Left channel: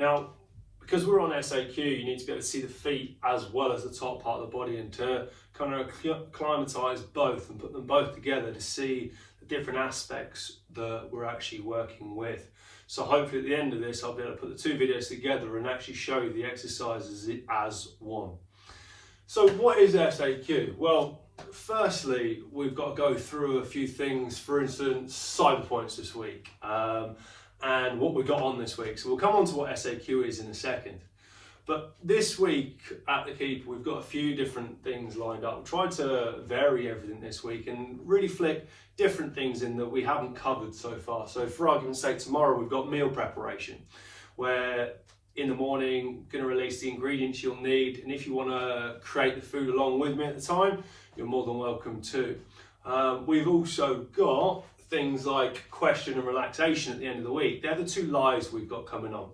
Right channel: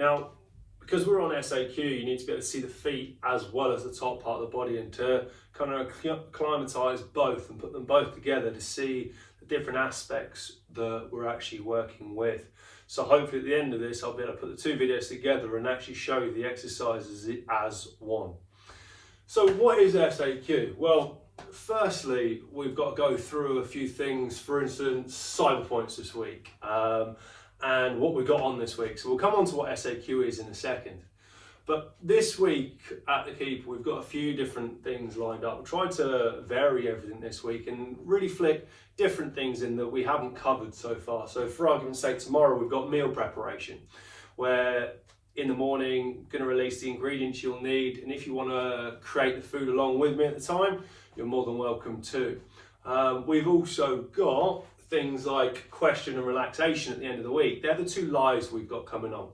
Now, because we're on SAQ, you need to be able to see the feet as well as the top part of the body, and to kind of acclimatise both and put them both together to see the different aspects that we're actually working with. So hopefully at the end of this, I'll be able to put the two videos together and actually show you the exercises as one. So what is SAQ? Well, firstly, we've got to go through a few things, for instance, cyber points this week. And what we got on this week. So we'll come on to what SAQ is in a second. But this week at the Keeper, we've got a few different things lined up. We'll try to vary everything this week and really flick different things in that we haven't covered so far. So for argument's sake, tomorrow we've got meal preparation, where in the morning, going to release the ingredients you'll need. And if you want to create the food along with me at the time, you're more than welcome to. We've also got things like question and relaxation at the end of the week. They're the two lives we've got coming on.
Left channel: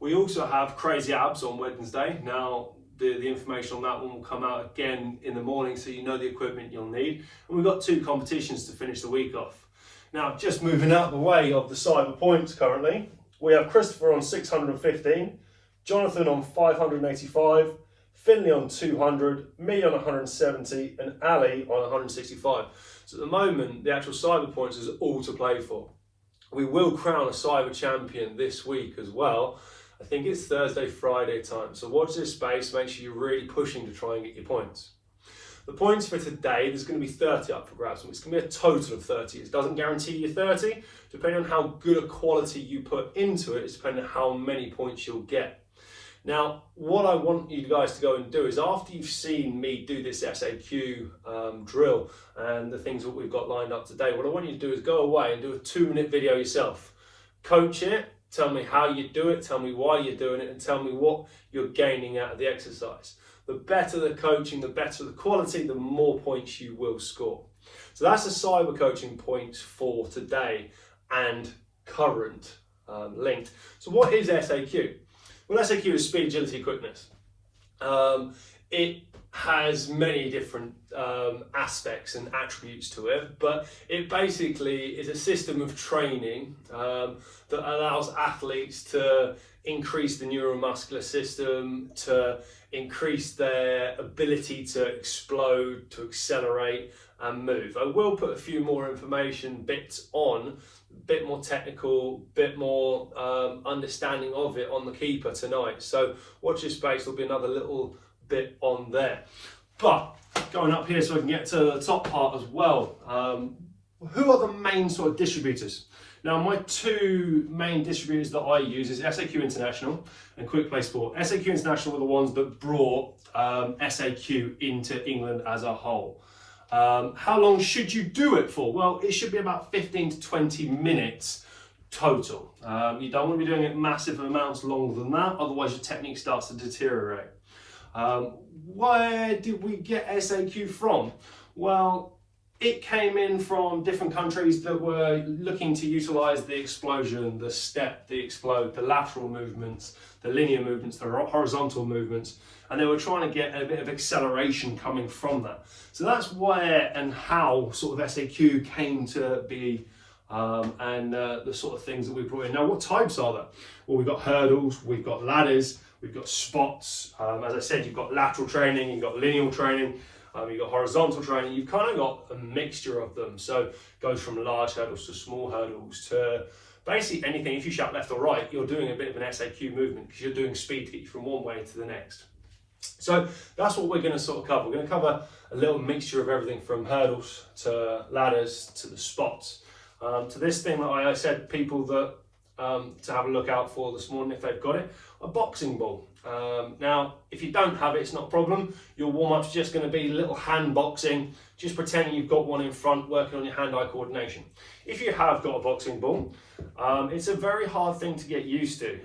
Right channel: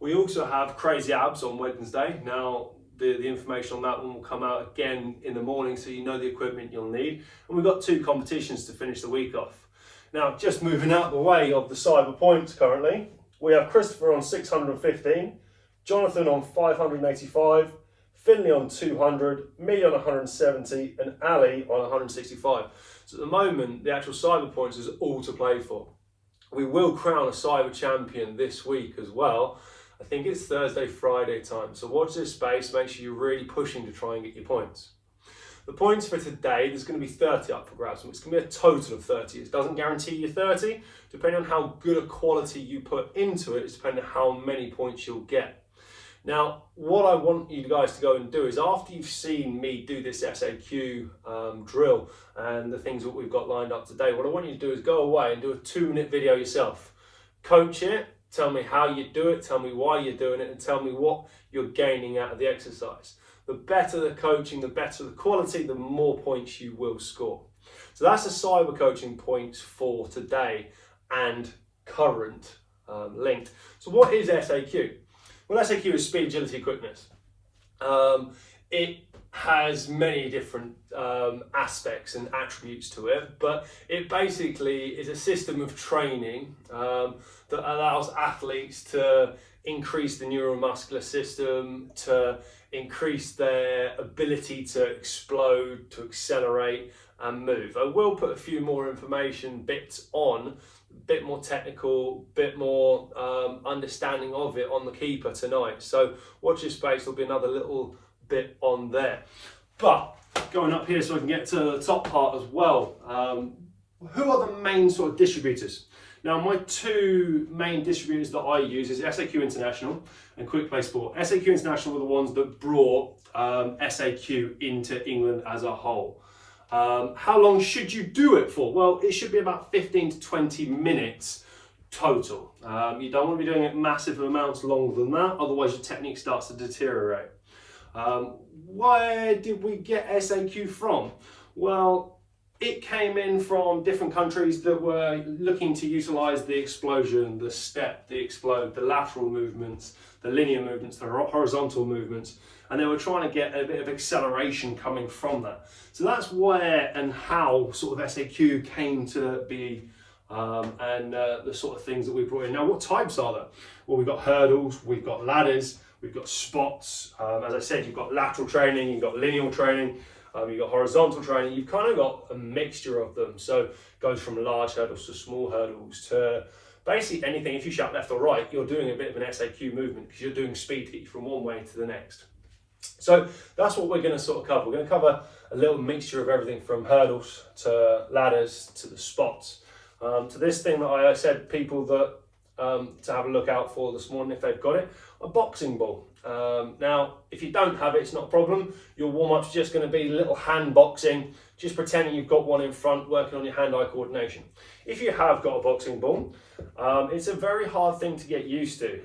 We also have crazy abs on Wednesday. Now, the information on that one will come out again in the morning, so you know the equipment you'll need. And we've got two competitions to finish the week off. Now, just moving out the way of the cyber points currently, we have Christopher on 615, Jonathan on 585, Finley on 200, me on 170, and Ali on 165. So at the moment, the actual cyber points is all to play for. We will crown a cyber champion this week as well. I think it's Thursday, Friday time. So watch this space, make sure you're really pushing to try and get your points. The points for today, there's going to be 30 up for grabs. It's going to be a total of 30. It doesn't guarantee you 30. Depending on how good a quality you put into it, it's depending on how many points you'll get. Now, what I want you guys to go and do is, after you've seen me do this SAQ drill and the things that we've got lined up today, what I want you to do is go away and do a 2-minute video yourself. Coach it, tell me how you do it, tell me why you're doing it, and tell me what you're gaining out of the exercise. The better the coaching, the better the quality, the more points you will score. So that's the cyber coaching points for today and current linked. So what is SAQ? Well, SAQ is speed, agility, quickness. It has many different aspects and attributes to it, but it basically is a system of training that allows athletes to increase the neuromuscular system, to increase their ability to explode, to accelerate and move. I will put a few more information bits on, a bit more technical, bit more understanding of it on the Keeper tonight. So watch your space, there'll be another little bit on there. But going up here so I can get to the top part as well. Who are the main sort of distributors? Now, my two main distributors that I use is SAQ International and Quick Play Sport. SAQ International were the ones that brought SAQ into England as a whole. How long should you do it for? Well, it should be about 15 to 20 minutes total. You don't want to be doing it massive amounts longer than that, otherwise your technique starts to deteriorate. Where did we get SAQ from? Well, it came in from different countries that were looking to utilize the explosion, the step, the explode, the lateral movements, the linear movements, the horizontal movements, and they were trying to get a bit of acceleration coming from that. So that's where and how sort of SAQ came to be, and the sort of things that we brought in. Now, what types are there? Well, we've got hurdles, we've got ladders, we've got spots. As I said, you've got lateral training, you've got linear training, you've got horizontal training. You've kind of got a mixture of them. So it goes from large hurdles to small hurdles to basically anything. If you shout left or right, you're doing a bit of an SAQ movement because you're doing speed to get you from one way to the next. So that's what we're going to sort of cover. We're going to cover a little mixture of everything from hurdles to ladders to the spots. To this thing that I said people that to have a look out for this morning if they've got it, a boxing ball. Now, if you don't have it, it's not a problem. Your warm-up's just going to be little hand boxing, just pretending you've got one in front, working on your hand-eye coordination. If you have got a boxing ball, it's a very hard thing to get used to,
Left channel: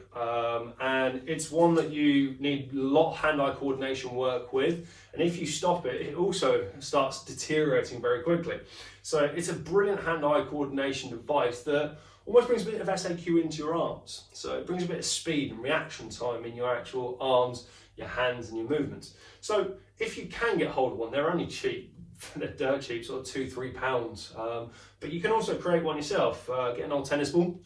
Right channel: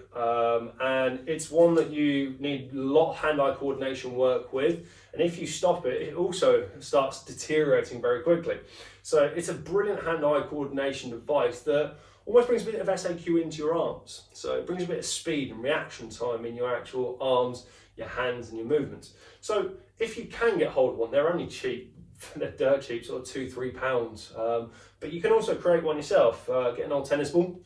and it's one that you need a lot of hand-eye coordination work with, and if you stop it, it also starts deteriorating very quickly. So it's a brilliant hand-eye coordination device that almost brings a bit of SAQ into your arms. So it brings a bit of speed and reaction time in your actual arms, your hands and your movements. So if you can get hold of one, they're only cheap. They're dirt cheap, sort of £2-3. But you can also create one yourself. Get an old tennis ball,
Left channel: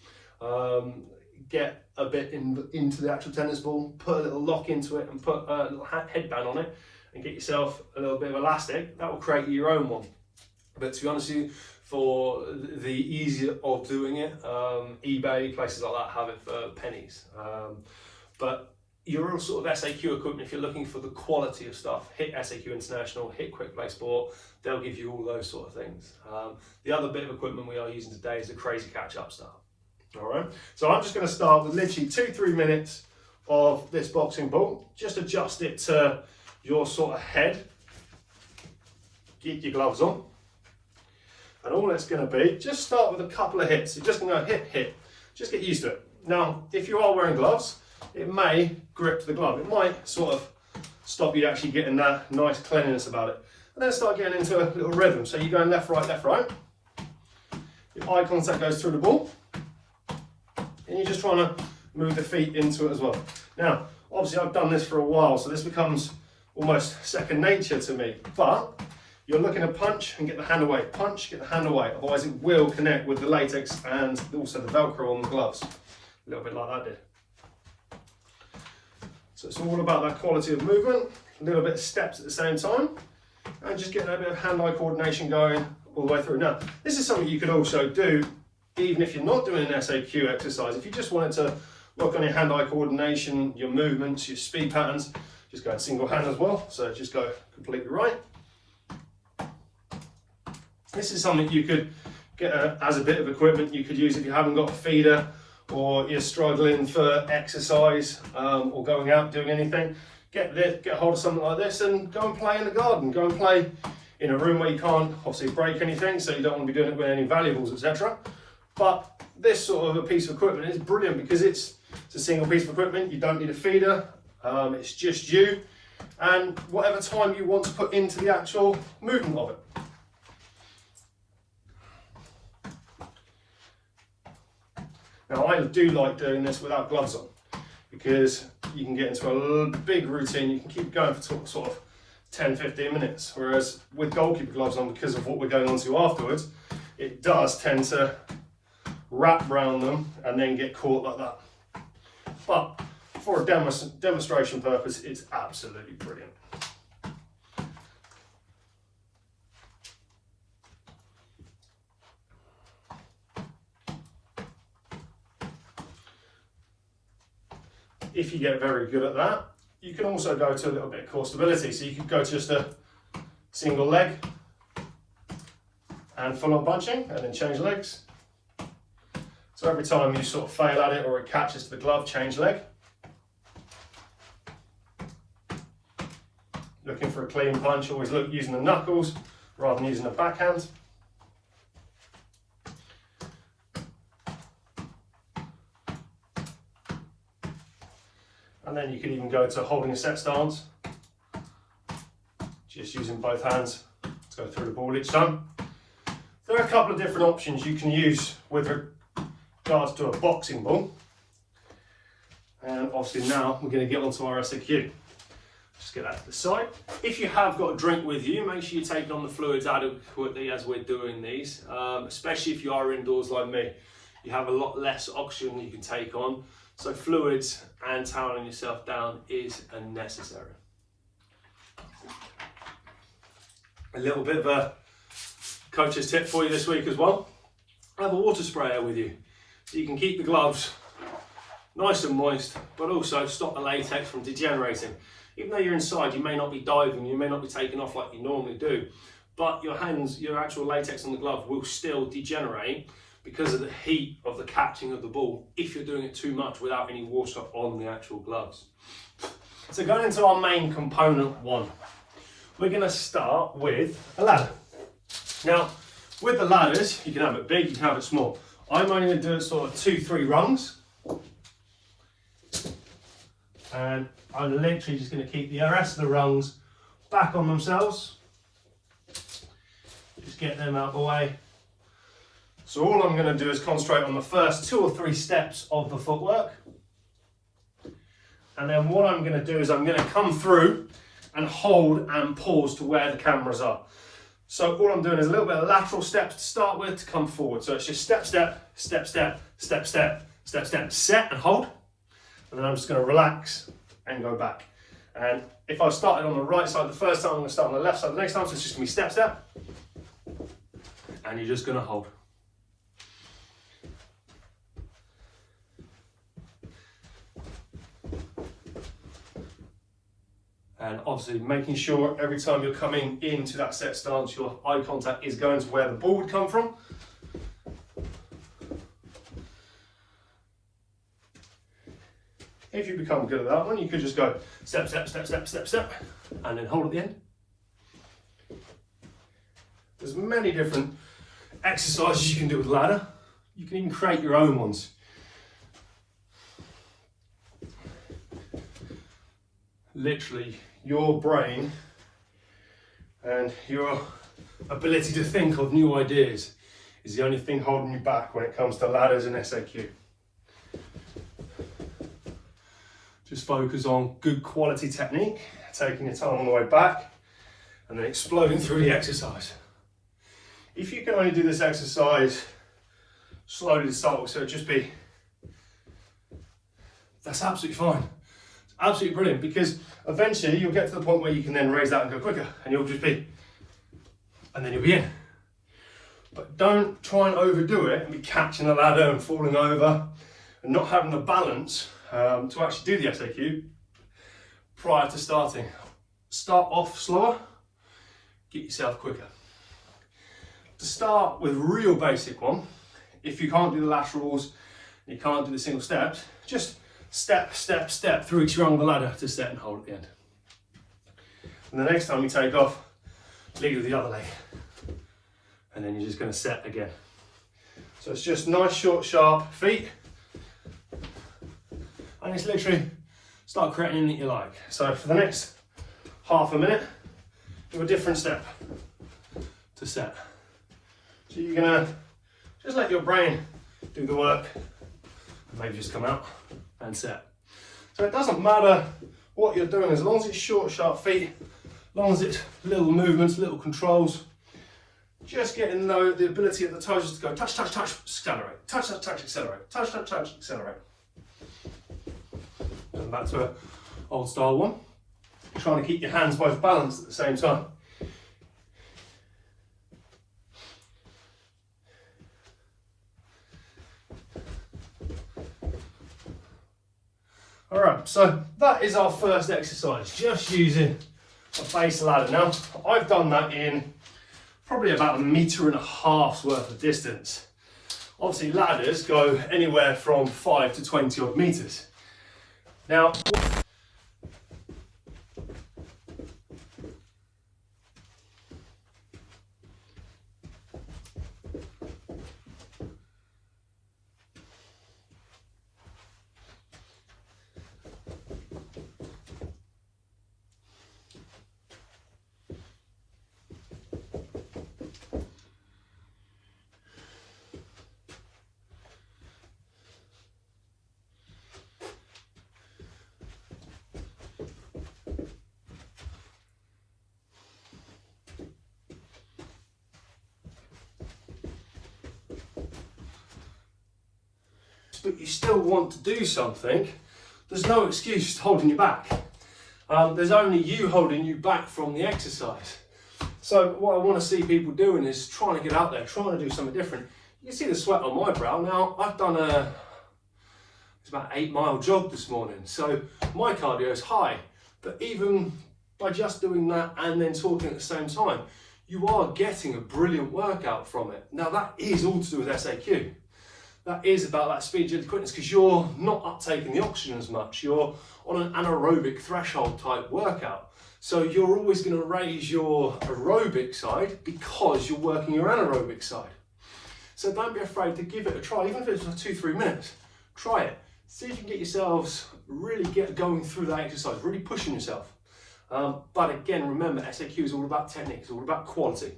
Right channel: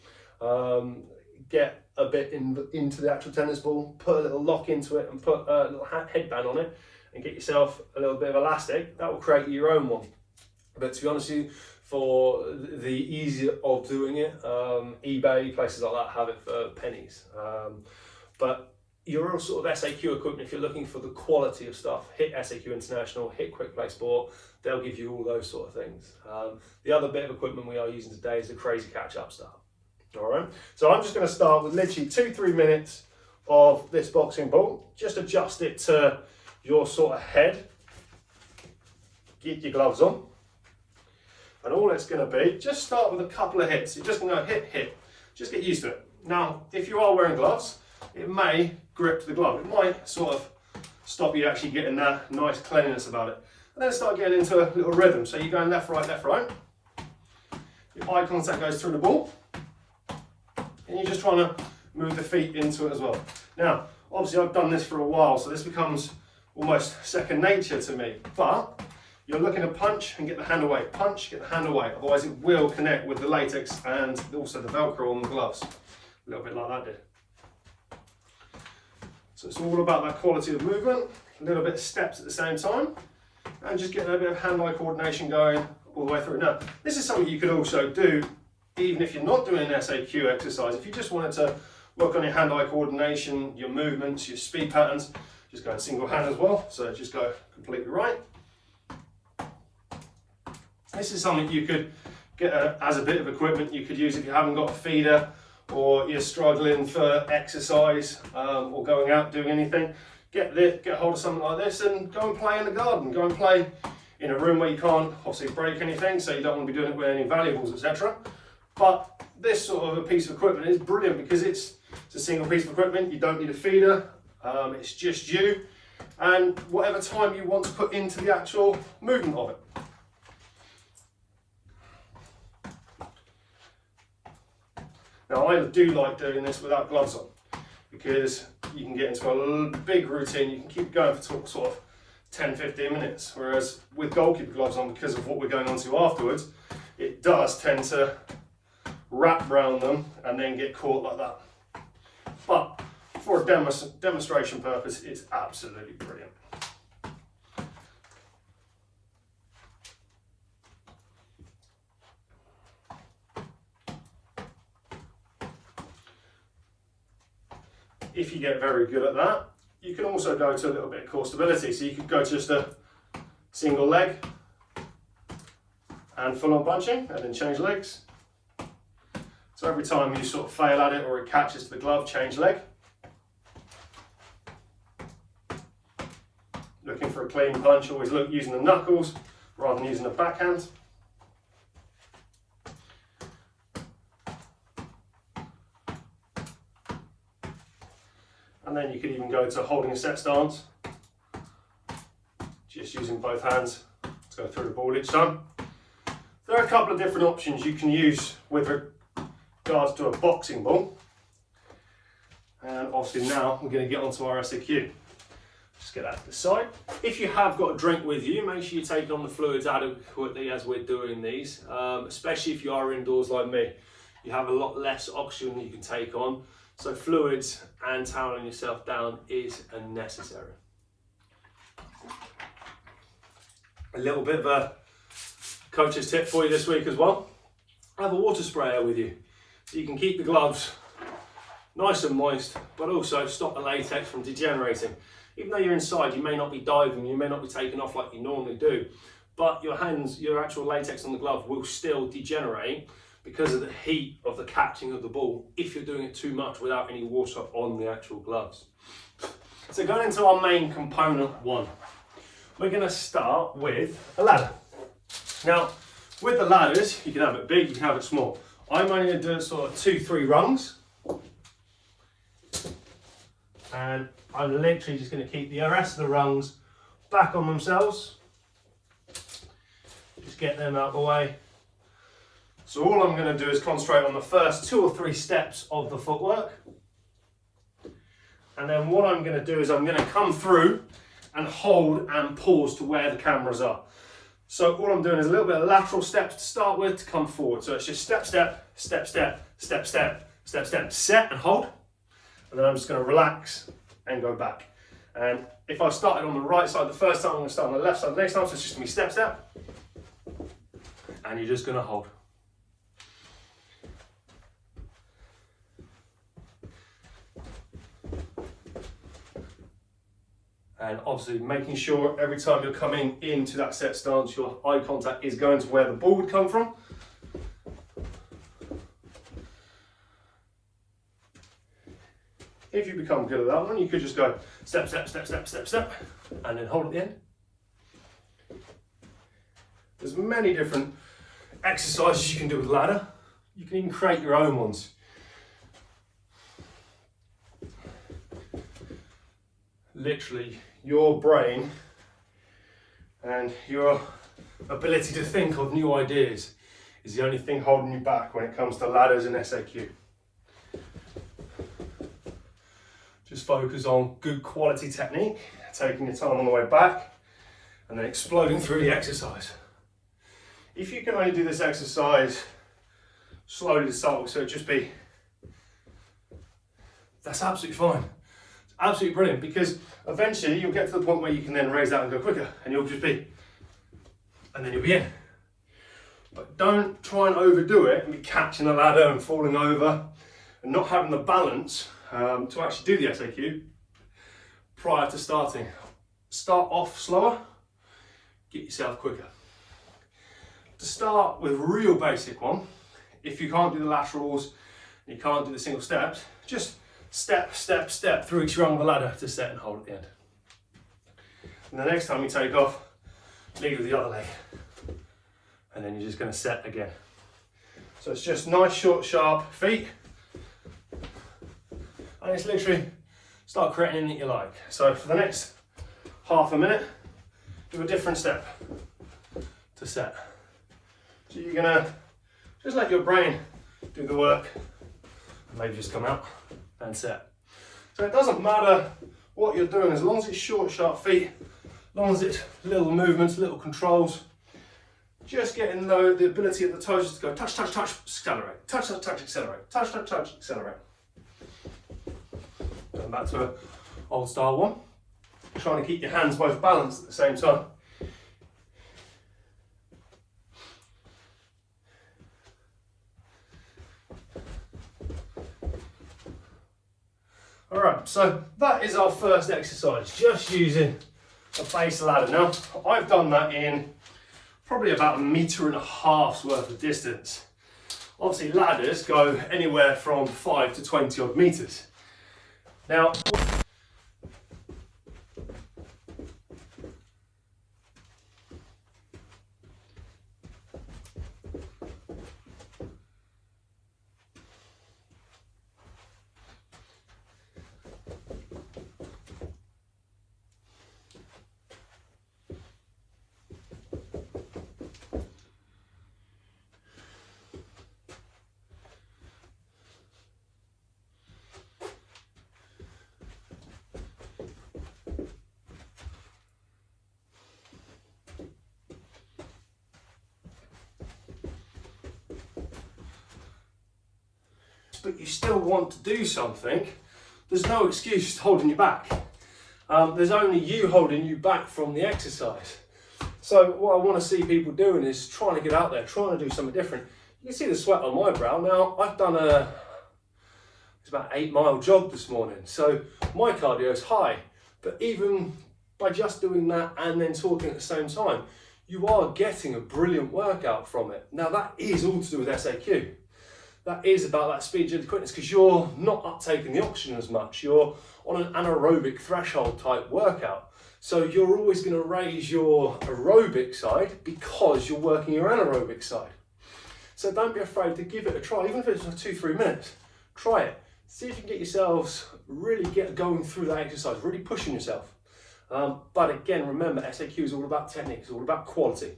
get a bit into the actual tennis ball, put a little lock into it and put a little headband on it and get yourself a little bit of elastic, that will create your own one. But to be honest with you, for the ease of doing it, eBay, places like that have it for pennies. But your real sort of SAQ equipment, if you're looking for the quality of stuff, hit SAQ International, hit Quick Play Sport, they'll give you all those sort of things. The other bit of equipment we are using today is the Crazy Catch-Up stuff. All right, so I'm just going to start with literally 2-3 minutes of this boxing ball. Just adjust it to your sort of head. Get your gloves on. And all it's going to be, just start with a couple of hits. You're just going to go hit, hit. Just get used to it. Now, if you are wearing gloves, it may grip the glove. It might sort of stop you actually getting that nice cleanliness about it. And then start getting into a little rhythm. So you're going left, right, left, right. Your eye contact goes through the ball. And you're just trying to move the feet into it as well. Now, obviously I've done this for a while, so this becomes almost second nature to me. But you're looking to punch and get the hand away. Punch, get the hand away. Otherwise it will connect with the latex and also the Velcro on the gloves. A little bit like that did. So it's all about that quality of movement, a little bit of steps at the same time, and just getting a bit of hand-eye coordination going all the way through. Now, this is something you could also do even if you're not doing an SAQ exercise. If you just wanted to work on your hand-eye coordination, your movements, your speed patterns, just go in single hand as well. So just go completely right. This is something you could get as a bit of equipment you could use if you haven't got a feeder or you're struggling for exercise or going out doing anything. Get hold of something like this and go and play in the garden. Go and play in a room where you can't obviously break anything, so you don't want to be doing it with any valuables, etc. But this sort of a piece of equipment is brilliant because it's a single piece of equipment. You don't need a feeder. It's just you and whatever time you want to put into the actual movement of it. Now I do like doing this without gloves on because you can get into a big routine. You can keep going for sort of 10-15 minutes, whereas with goalkeeper gloves on, because of what we're going on to afterwards, it does tend to wrap around them and then get caught like that. But for a demonstration purpose, it's absolutely brilliant. If you get very good at that, you can also go to a little bit of core stability. So you could go to just a single leg and full on punching and then change legs. So every time you sort of fail at it or it catches to the glove, change leg. Looking for a clean punch, always look using the knuckles rather than using the backhand. And then you could even go to holding a set stance, just using both hands to go through the ball each time. There are a couple of different options you can use with regards to a boxing ball. And obviously now we're going to get onto our SAQ. Just get that to the side. If you have got a drink with you, make sure you take on the fluids adequately as we're doing these, especially if you are indoors like me. You have a lot less oxygen you can take on. So fluids and toweling yourself down is unnecessary. A little bit of a coach's tip for you this week as well. Have a water sprayer with you so you can keep the gloves nice and moist, but also stop the latex from degenerating. Even though you're inside, you may not be diving, you may not be taking off like you normally do, but your hands, your actual latex on the glove will still degenerate because of the heat of the catching of the ball if you're doing it too much without any water on the actual gloves. So going into our main component one, we're going to start with a ladder. Now, with the ladders, you can have it big, you can have it small. I'm only going to do it sort of 2-3 rungs. And I'm literally just going to keep the rest of the rungs back on themselves. Just get them out of the way. So all I'm going to do is concentrate on the first 2 or 3 steps of the footwork. And then what I'm going to do is I'm going to come through and hold and pause to where the cameras are. So all I'm doing is a little bit of lateral steps to start with to come forward. So it's just step, step, step, step, step, step, step, step, set and hold. And then I'm just going to relax and go back. And if I started on the right side the first time, I'm going to start on the left side the next time. So it's just going to be step, step. And you're just going to hold. And obviously making sure every time you're coming into that set stance, your eye contact is going to where the ball would come from. If you become good at that one, you could just go step, step, step, step, step, step, and then hold at the end. There's many different exercises you can do with ladder. You can even create your own ones. Literally, your brain and your ability to think of new ideas is the only thing holding you back when it comes to ladders and SAQ. Just focus on good quality technique, taking your time on the way back, and then exploding through the exercise. If you can only do this exercise slowly to start with, so it'd just be, that's absolutely fine. It's absolutely brilliant, because eventually you'll get to the point where you can then raise that and go quicker, and you'll just be, and then you'll be in. But don't try and overdo it and be catching the ladder and falling over and not having the balance to actually do the SAQ prior to starting. Start off slower, get yourself quicker. To start with a real basic one, if you can't do the laterals, you can't do the single steps, just step, step, step through each rung of the ladder to set and hold at the end. And the next time you take off, lead with the other leg. And then you're just going to set again. So it's just nice, short, sharp feet. And it's literally start creating anything you like. So for the next half a minute, do a different step to set. So you're going to just let your brain do the work and maybe just come out and set. So it doesn't matter what you're doing, as long as it's short, sharp feet, as long as it's little movements, little controls. Just getting the ability of the toes just to go touch, touch, touch, accelerate, touch, touch, touch, accelerate, touch, touch, touch, accelerate. Going back to an old style one. Trying to keep your hands both balanced at the same time. Alright, so that is our first exercise, just using a base ladder. Now, I've done that in probably about 1.5 meters worth of distance. Obviously, ladders go anywhere from 5 to 20 odd meters. Now, but you still want to do something, there's no excuse holding you back. There's only you holding you back from the exercise. So what I want to see people doing is trying to get out there, trying to do something different. You can see the sweat on my brow. Now, I've done it's about 8-mile jog this morning, so my cardio is high. But even by just doing that and then talking at the same time, you are getting a brilliant workout from it. Now, that is all to do with SAQ. That is about that speed, agility, quickness, because you're not uptaking the oxygen as much. You're on an anaerobic threshold type workout. So you're always going to raise your aerobic side because you're working your anaerobic side. So don't be afraid to give it a try, even if it's for 2-3 minutes. Try it. See if you can get yourselves really get going through that exercise, really pushing yourself. But again, remember, SAQ is all about technique, it's all about quality.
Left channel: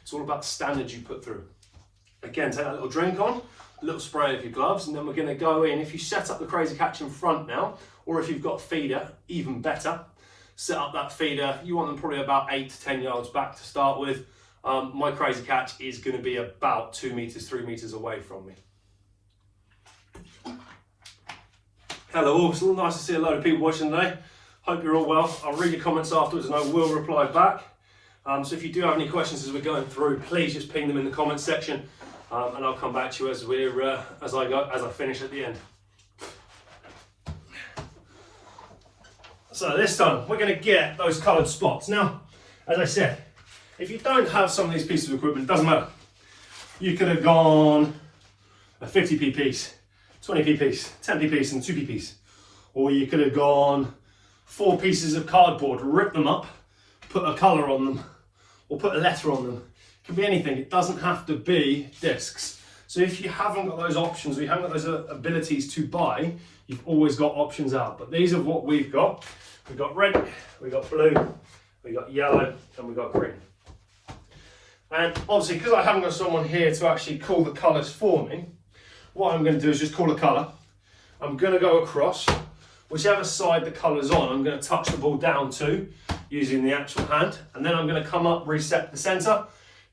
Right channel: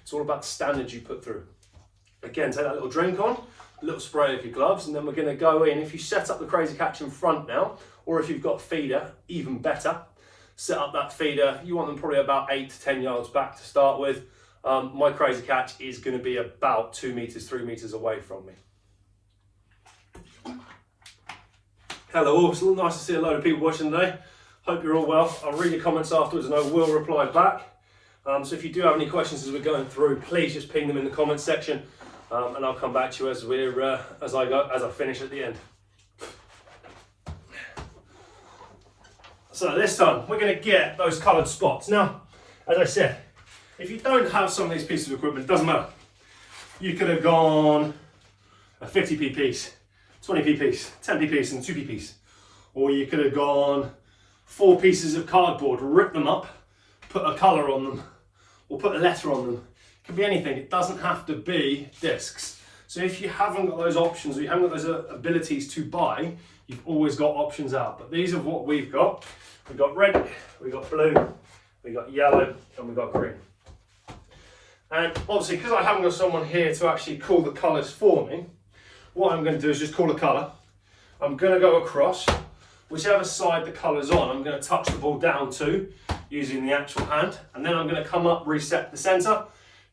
It's all about standards you put through. Again, take that little drink on, a little spray of your gloves, and then we're going to go in. If you set up the crazy catch in front now, or if you've got feeder, even better, set up that feeder. You want them probably about 8 to 10 yards back to start with. My crazy catch is going to be about 2 meters, 3 meters away from me. Hello all, it's nice to see a load of people watching today. Hope you're all well. I'll read your comments afterwards and I will reply back. So if you do have any questions as we're going through, please just ping them in the comments section, and I'll come back to you as I finish at the end. So this time we're going to get those coloured spots. Now, as I said, if you don't have some of these pieces of equipment, it doesn't matter. You could have gone a 50p piece, 20p piece, 10p piece and 2p piece. Or you could have gone 4 pieces of cardboard, rip them up, put a colour on them, or put a letter on them. It can be anything, it doesn't have to be discs. So if you haven't got those options, or you haven't got those abilities to buy, you've always got options out. But these are what we've got. We've got red, we've got blue, we've got yellow, and we've got green. And obviously, because I haven't got someone here to actually call the colours for me, what I'm going to do is just call a colour. I'm going to go across, whichever side the colour's on, I'm going to touch the ball down to, using the actual hand, and then I'm going to come up, reset the centre,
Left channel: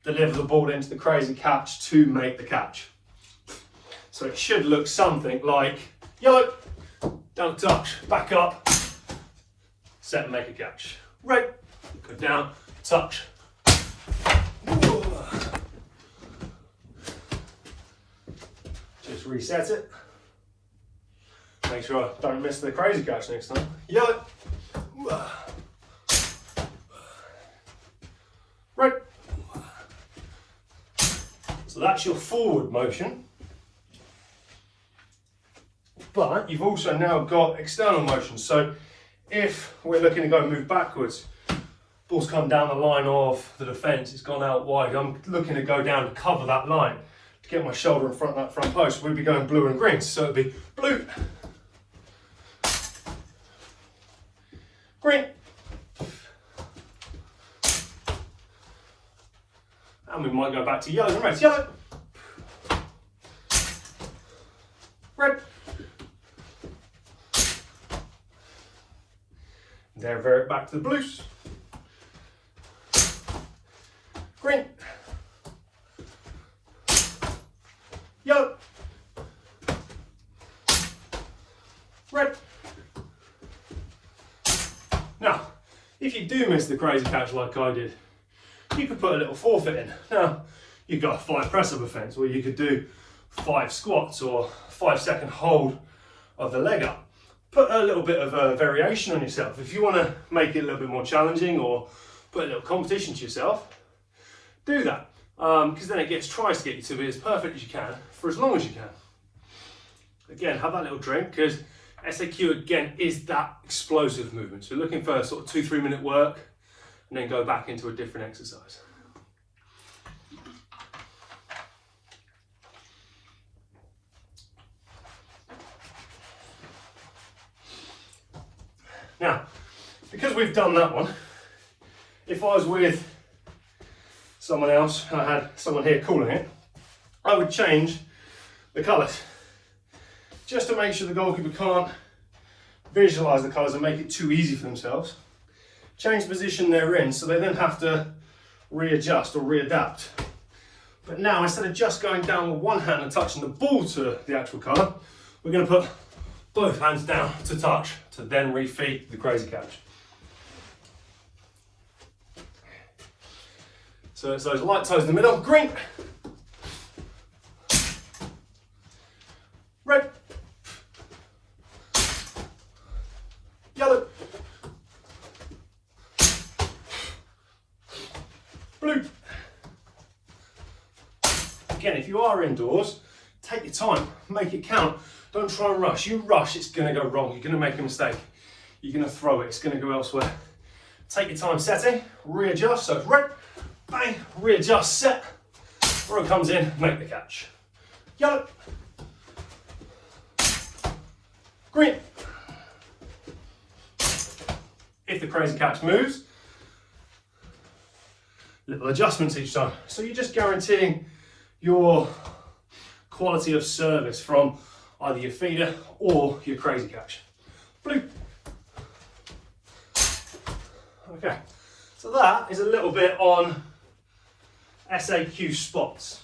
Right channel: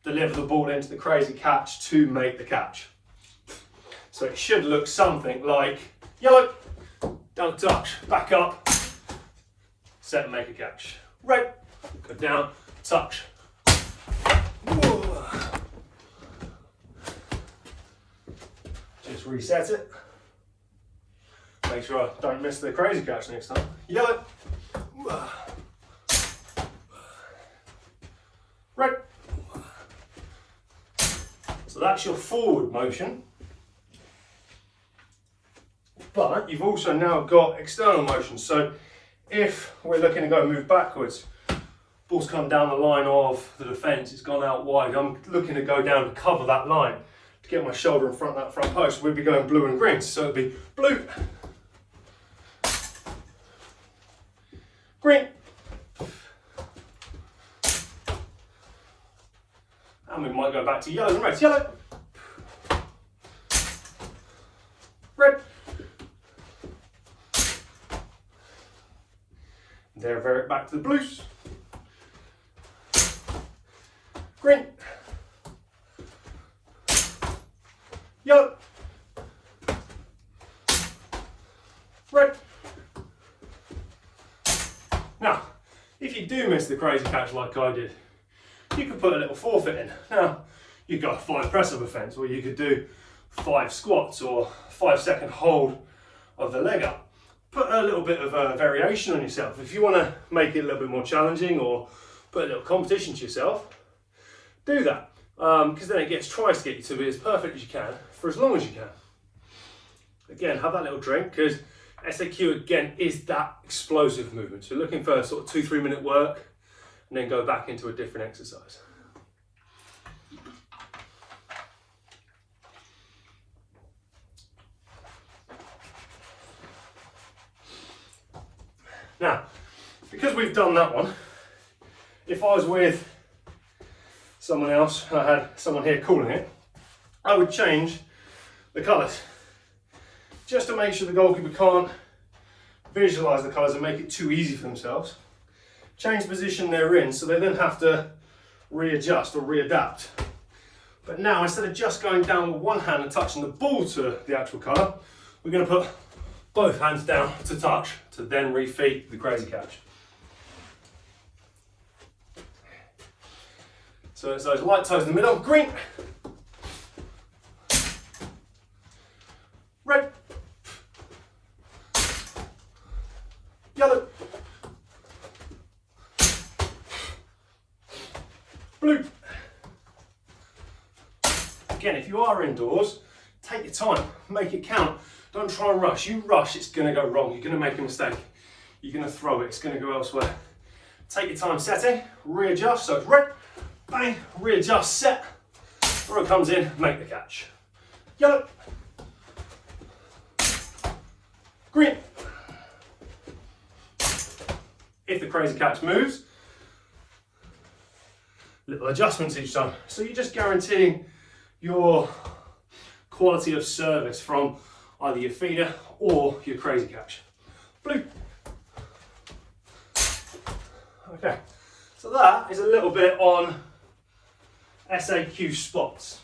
deliver the ball into the crazy catch to make the catch. So it should look something like yellow, down touch, back up, set and make a catch. Red, go down, touch. Just reset it. Make sure I don't miss the crazy catch next time. Yellow. Right. So that's your forward motion. But you've also now got external motion. So if we're looking to go move backwards, ball's come down the line of the defence, it's gone out wide. I'm looking to go down to cover that line, to get my shoulder in front of that front post. We'd be going blue and green. So it'd be blue, green, and we might go back to yellow and red. Yellow, red, then revert back to the blues, green, yellow, red. Now, if you do miss the crazy catch like I did, you could put a little forfeit in. Now, you've got a 5 press-up offence, or you could do 5 squats or 5-second hold of the leg up. Put a little bit of a variation on yourself. If you want to make it a little bit more challenging or put a little competition to yourself, do that. Because then it tries to get you to be as perfect as you can for as long as you can. Again, have that little drink, because SAQ again is that explosive movement. So you're looking for sort of 2-3 minute work and then go back into a different exercise. Now, because we've done that one, if I was with someone else and I had someone here calling it, I would change the colours, just to make sure the goalkeeper can't visualise the colours and make it too easy for themselves. Change the position they're in, so they then have to readjust or readapt. But now, instead of just going down with one hand and touching the ball to the actual colour, we're going to put both hands down to touch, to then refeed the crazy catch. So it's those light toes in the middle. Green, red, yellow, blue. Again, if you are indoors, take your time, make it count. Don't try and rush. You rush, it's going to go wrong. You're going to make a mistake. You're going to throw it. It's going to go elsewhere. Take your time setting, readjust. So it's red, bang, readjust, set. Where it comes in, make the catch. Yellow, green. If the crazy catch moves, little adjustments each time. So you're just guaranteeing your quality of service from either your feeder or your crazy catch. Blue. Okay, so that is a little bit on SAQ spots.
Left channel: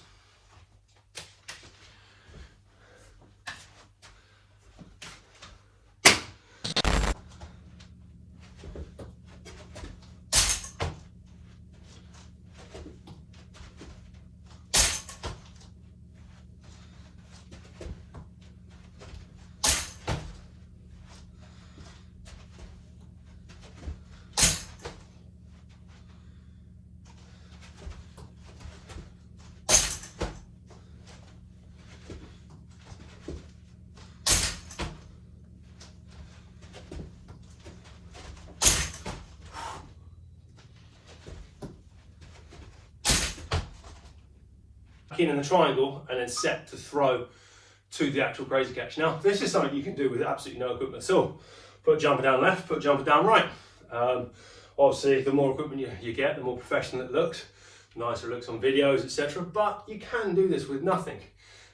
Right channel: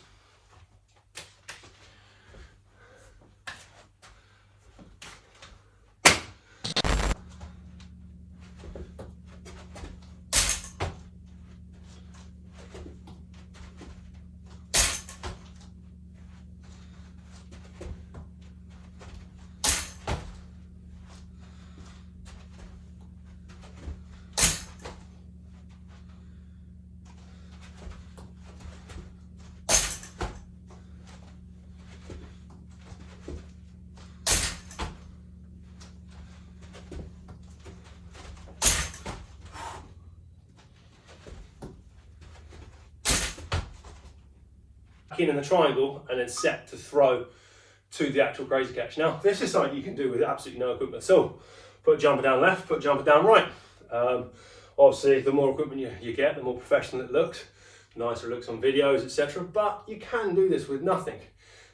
in the triangle and then set to throw to the actual crazy catch. Now, this is something you can do with absolutely no equipment at all. Put a jumper down left, put a jumper down right. Obviously, the more equipment you get, the more professional it looks, the nicer it looks on videos, etc. But you can do this with nothing.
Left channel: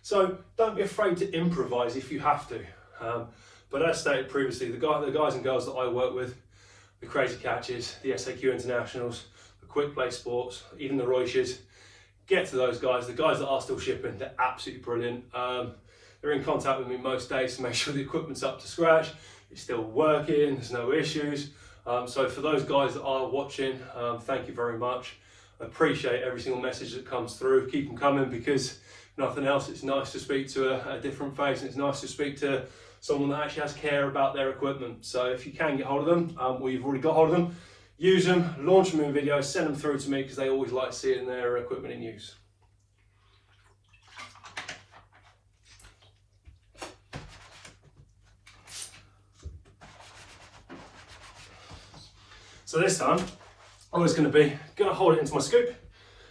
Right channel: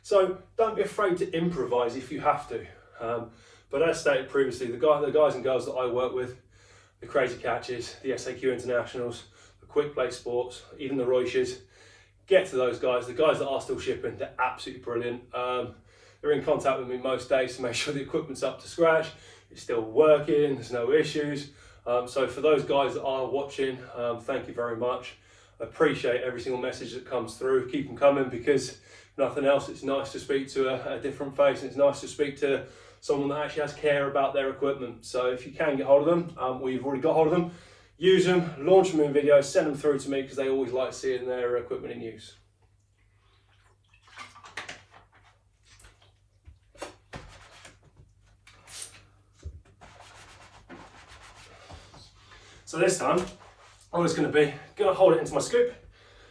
So don't be afraid to improvise if you have to. But as stated previously, the guys and girls that I work with, the crazy catches, the SAQ internationals, the quick play sports, even the Roishes, get to those guys. The guys that are still shipping, they're absolutely brilliant. They're in contact with me most days to make sure the equipment's up to scratch, it's still working, there's no issues. So for those guys that are watching, thank you very much. I appreciate every single message that comes through. Keep them coming, because if nothing else, it's nice to speak to a different face, and it's nice to speak to someone that actually has care about their equipment. So if you can get hold of them, or you've already got hold of them, use them, launch them in videos, send them through to me, because they always like seeing their equipment in use. So this time, I'm just going to hold it into my scoop.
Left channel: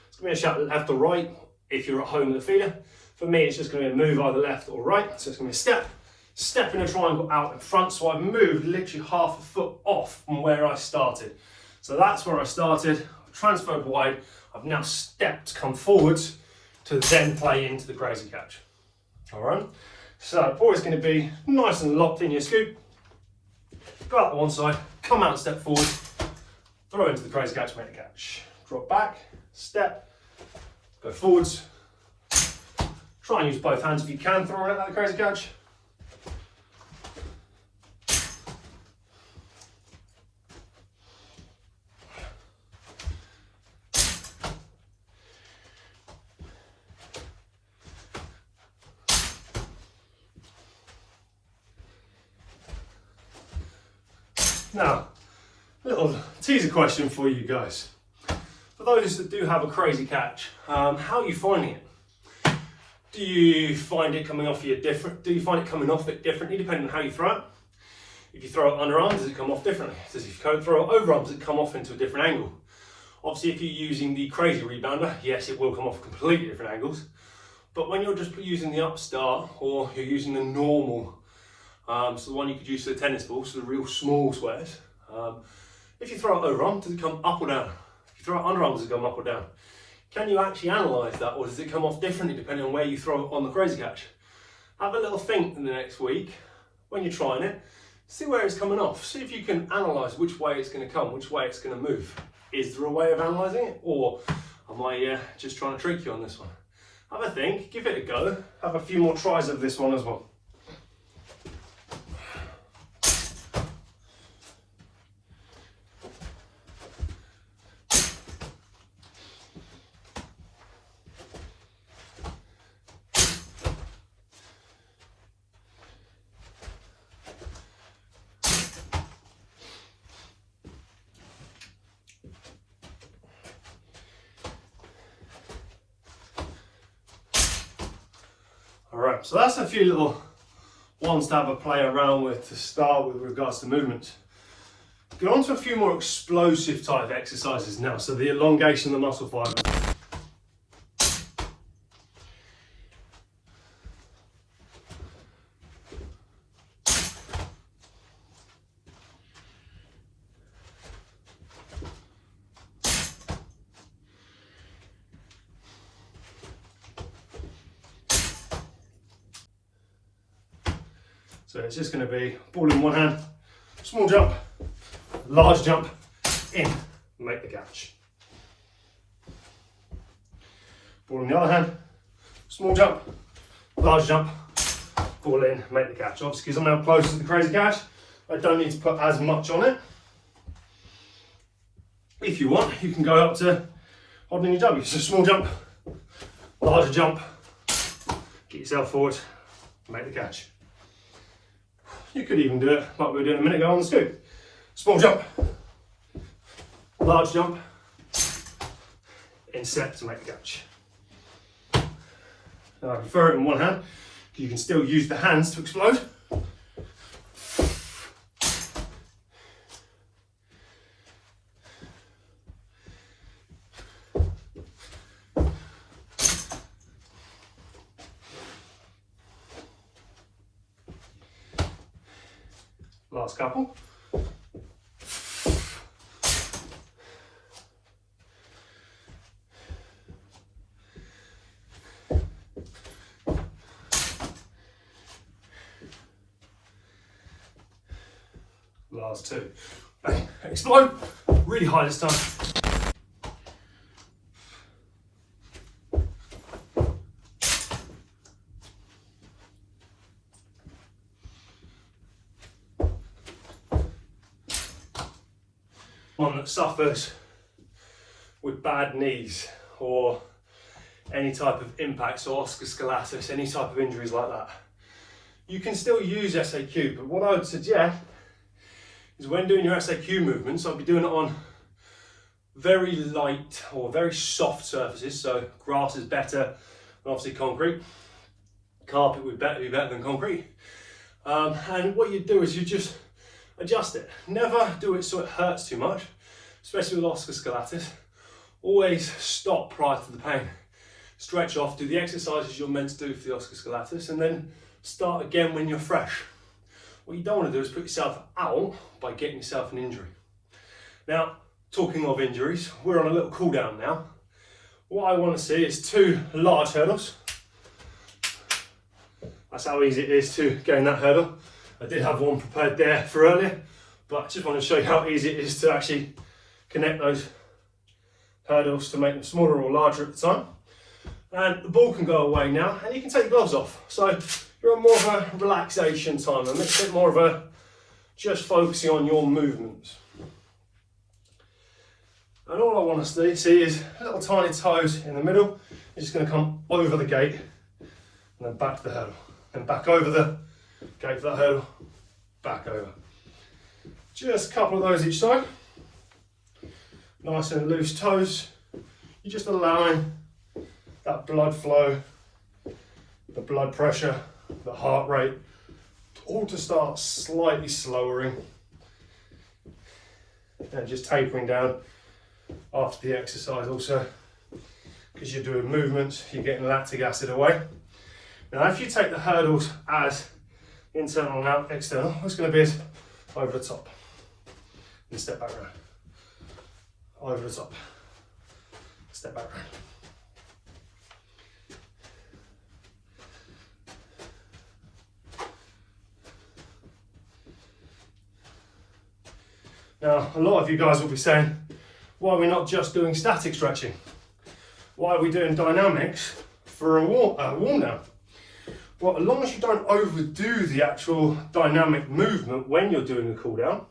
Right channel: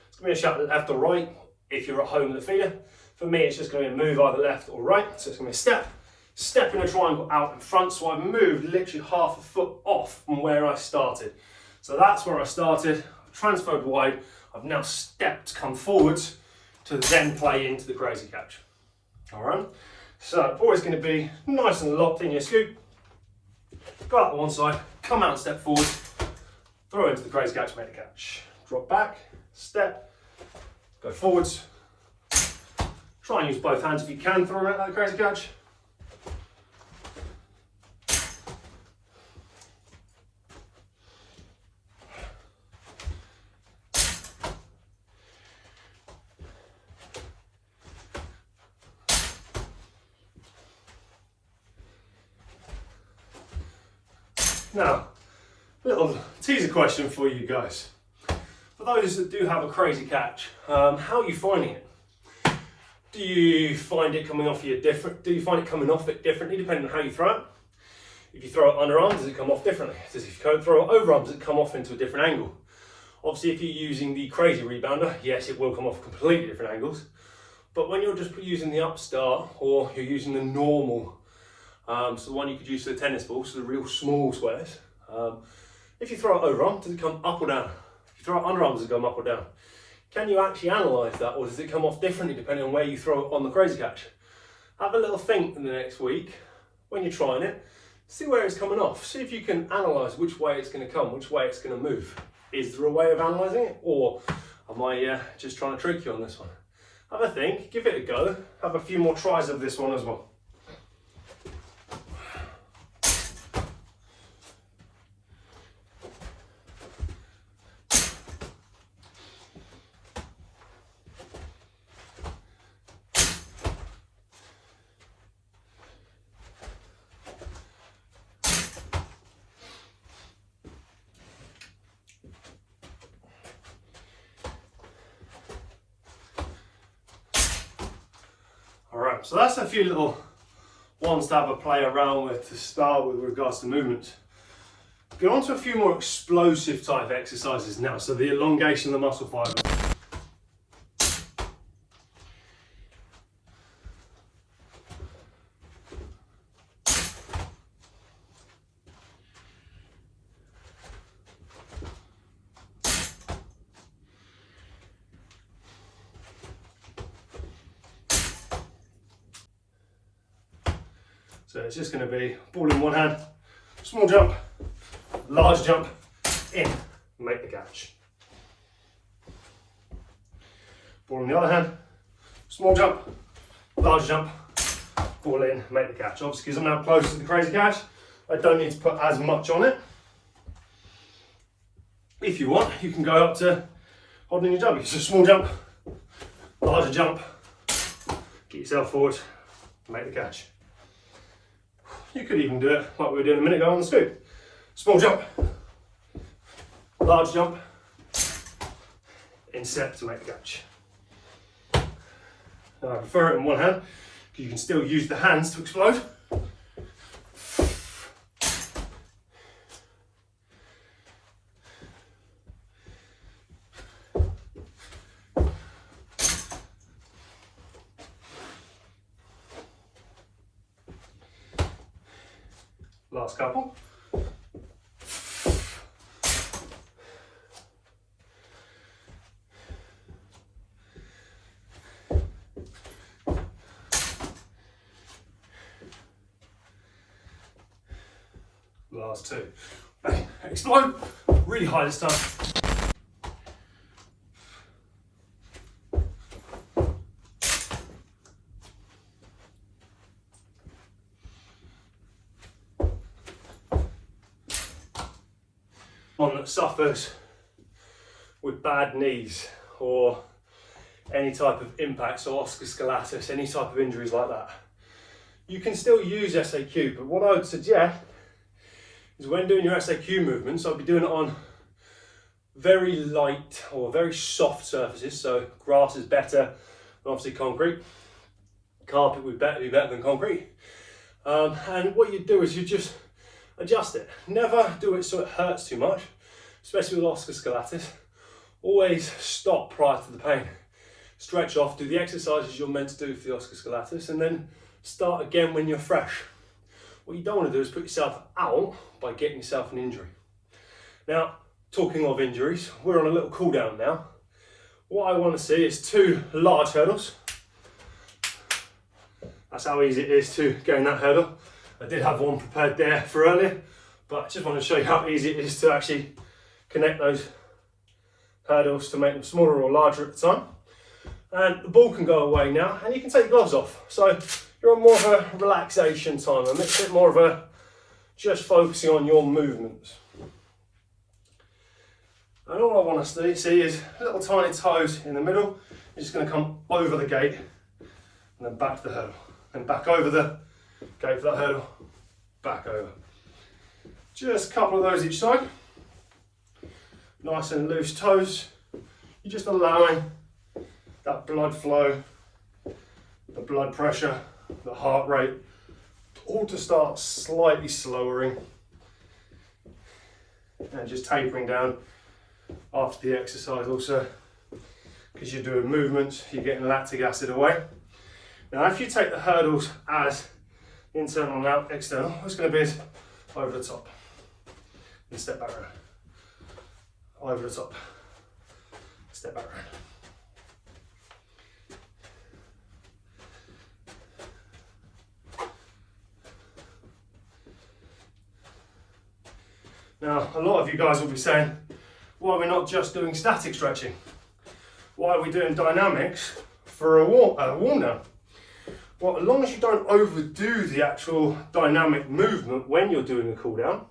It's going to be a shot left or right if you're at home with the feeder. For me, it's just going to be a move either left or right. So it's going to be a step in a triangle out in front. So I've moved literally half a foot off from where I started. So that's where I started, transferred wide. I've now stepped, come forwards to then play into the crazy catch. All right. So always going to be nice and locked in your scoop. Go out to one side, come out and step forward. Throw into the crazy catch, make the catch. Drop back, step, go forwards. Try and use both hands if you can throw out that crazy catch. Now, little teaser question for you guys. For those that do have a crazy catch, how are you finding it? Do you find it coming off you different? Do you find it coming off it differently depending on how you throw it? If you throw it underarm, does it come off differently? If you throw it overarm, does it come off into a different angle? Obviously, if you're using the crazy rebounder, yes, it will come off completely different angles. But when you're just using the upstart, or you're using the normal, so the one you could use for the tennis ball, so the real small squares, if you throw it overarm, does it come up or down? If you throw it underarm, does it come up or down? Can you actually analyse that, or does it come off differently depending on where you throw it on the crazy catch? Have a little think in the next week when you're trying it, see where it's coming off, see if you can analyse which way it's going to come, which way it's going to move. Is there a way of analysing it, or am I just trying to trick you on this one? Have a think, give it a go, have a few more tries of this one as well. Alright, so that's a few little ones to have a play around with to start with regards to movements. Go on to a few more explosive type exercises now, so the elongation of the muscle fibers. So it's just going to be ball in one hand, small jump, large jump, in, make the catch. Ball in the other hand, small jump, large jump, ball in, make the catch. Obviously, because I'm now closer to the crazy catch, I don't need to put as much on it. If you want, you can go up to holding your W. So small jump, larger jump, get yourself forward, make the catch. You could even do it like we were doing a minute ago on the scoop. Small jump, large jump, inset to make the catch. Now I prefer it in one hand, because you can still use the hands to explode. Last couple. Last two. Bang. Explode. Really high this time. One that suffers with bad knees or any type of impact, so oscoscolatus, any type of injuries like that, you can still use SAQ, but what I would suggest is when doing your SAQ movements, I'll be doing it on very light or very soft surfaces, so grass is better than obviously concrete. Carpet would be better than concrete. And what you do is you just adjust it. Never do it so it hurts too much, especially with oscoscolatus. Always stop prior to the pain. Stretch off, do the exercises you're meant to do for the oscoscolatus, and then start again when you're fresh. What you don't want to do is put yourself out by getting yourself an injury. Now, talking of injuries, we're on a little cool down now. What I want to see is 2 large hurdles. That's how easy it is to gain that hurdle. I did have one prepared there for earlier, but I just want to show you how easy it is to actually connect those hurdles to make them smaller or larger at the time. And the ball can go away now, and you can take your gloves off. So you're on more of a relaxation time, a bit more of a just focusing on your movements. And all I want to see is little tiny toes in the middle. You're just going to come over the gate and then back to the hurdle, and back over the gate for that hurdle, back over. Just a couple of those each side. Nice and loose toes. You're just allowing that blood flow, the blood pressure, the heart rate, all to start slightly slowing and just tapering down after the exercise also, because you're doing movements, you're getting lactic acid away. Now if you take the hurdles as internal and out, external, what's going to be is over the top and step back around, over the top, step back around. Now, a lot of you guys will be saying, why are we not just doing static stretching? Why are we doing dynamics for a warm down? Well, as long as you don't overdo the actual dynamic movement when you're doing a cool down,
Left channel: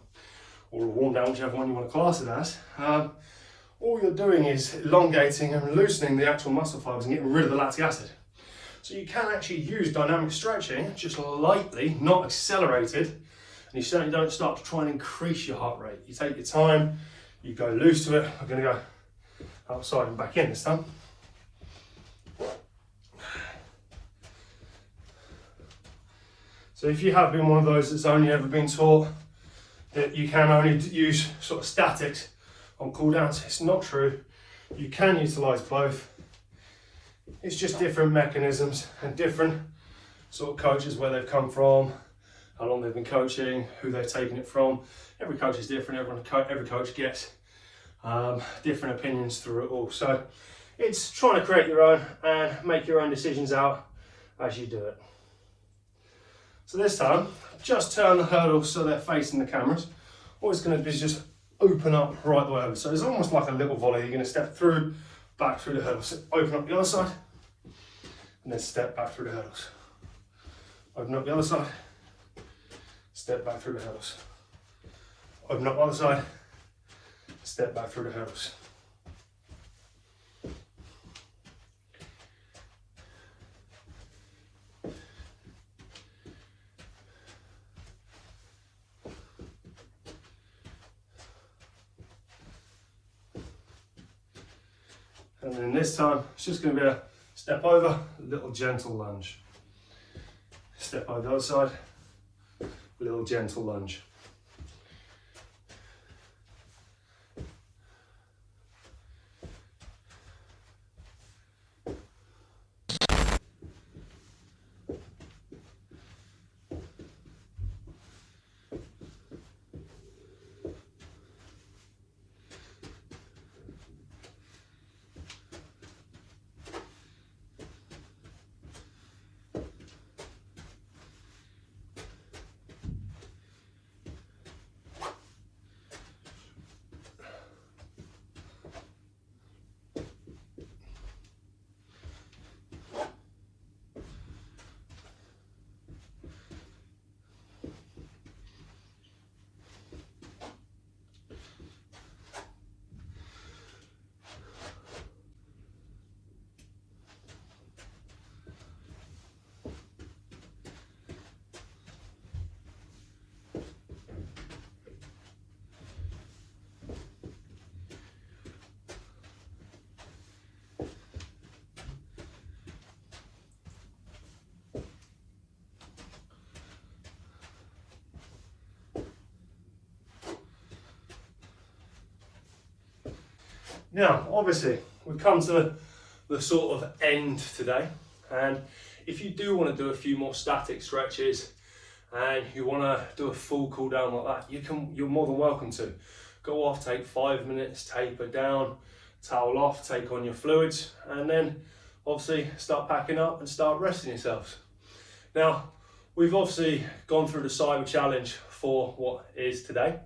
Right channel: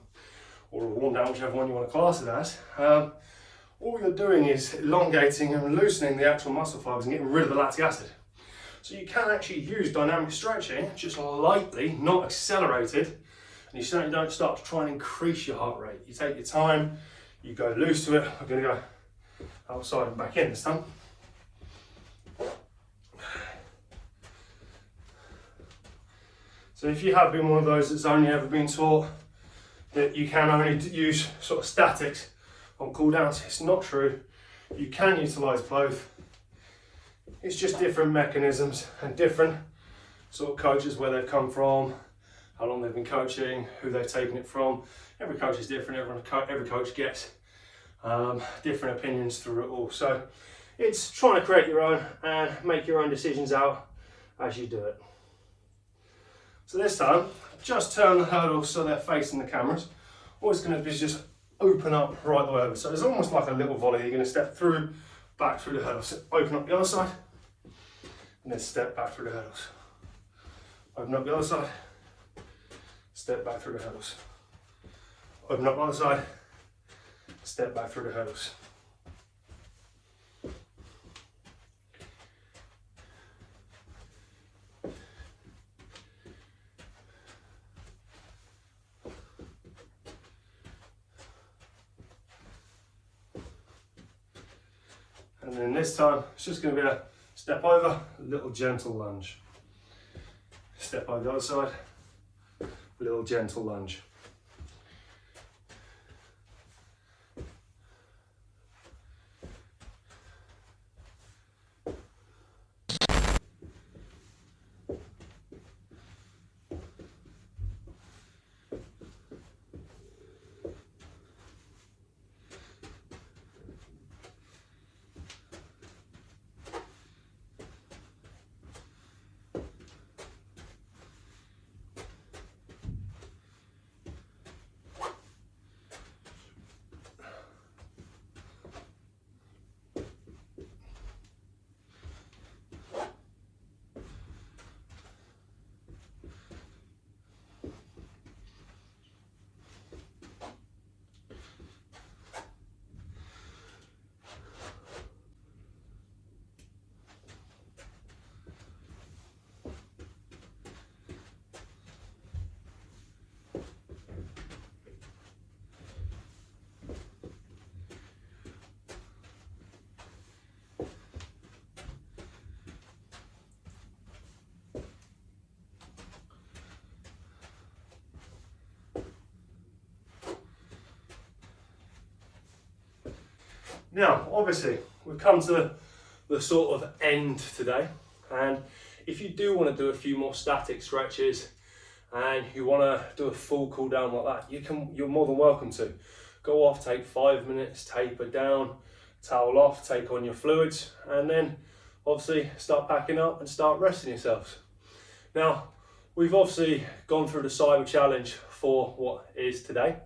or a warm down, whichever one you want to class it as, all you're doing is elongating and loosening the actual muscle fibers and getting rid of the lactic acid. So you can actually use dynamic stretching, just lightly, not accelerated, and you certainly don't start to try and increase your heart rate. You take your time, you go loose to it. I'm going to go outside and back in this time. So if you have been one of those that's only ever been taught that you can only use sort of statics on cool downs, it's not true. You can utilize both. It's just different mechanisms and different sort of coaches, where they've come from, how long they've been coaching, who they've taken it from. Every coach is different. Every coach gets different opinions through it all. So it's trying to create your own and make your own decisions out as you do it. So this time, just turn the hurdles so they're facing the cameras. All it's going to do is just open up right the way over. So it's almost like a little volley. You're going to step through, back through the hurdles. So open up the other side, and then step back through the hurdles. Open up the other side, step back through the hurdles. Open up the other side, step back through the hurdles. And then this time, it's just going to be a step over, a little gentle lunge. Step over the other side, a little gentle lunge. Now, obviously, we've come to the sort of end today, and if you do want to do a few more static stretches and you want to do a full cool down like that, you're more than welcome to. Go off, take 5 minutes, taper down, towel off, take on your fluids, and then obviously start packing up and start resting yourselves. Now, we've obviously gone through the cyber challenge for what is today.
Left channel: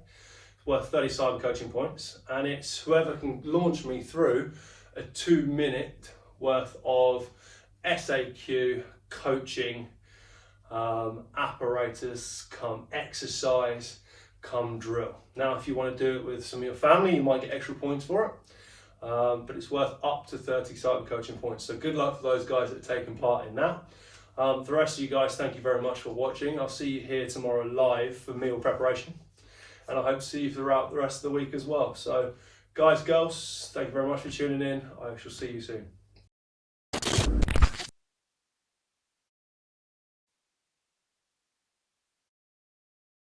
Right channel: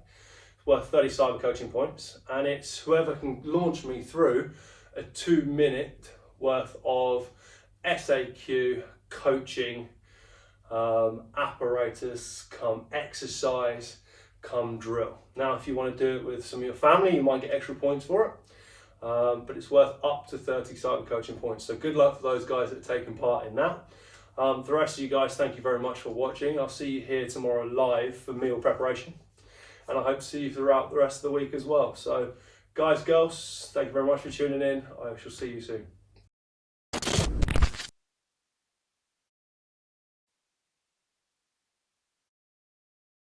It's worth 30 cyber coaching points, and it's whoever can launch me through a 2-minute worth of SAQ coaching apparatus come exercise come drill. Now, if you want to do it with some of your family, you might get extra points for it, but it's worth up to 30 cyber coaching points. So good luck for those guys that are taking part in that. For the rest of you guys, thank you very much for watching. I'll see you here tomorrow live for meal preparation, and I hope to see you throughout the rest of the week as well. So guys, girls, thank you very much for tuning in. I shall see you soon.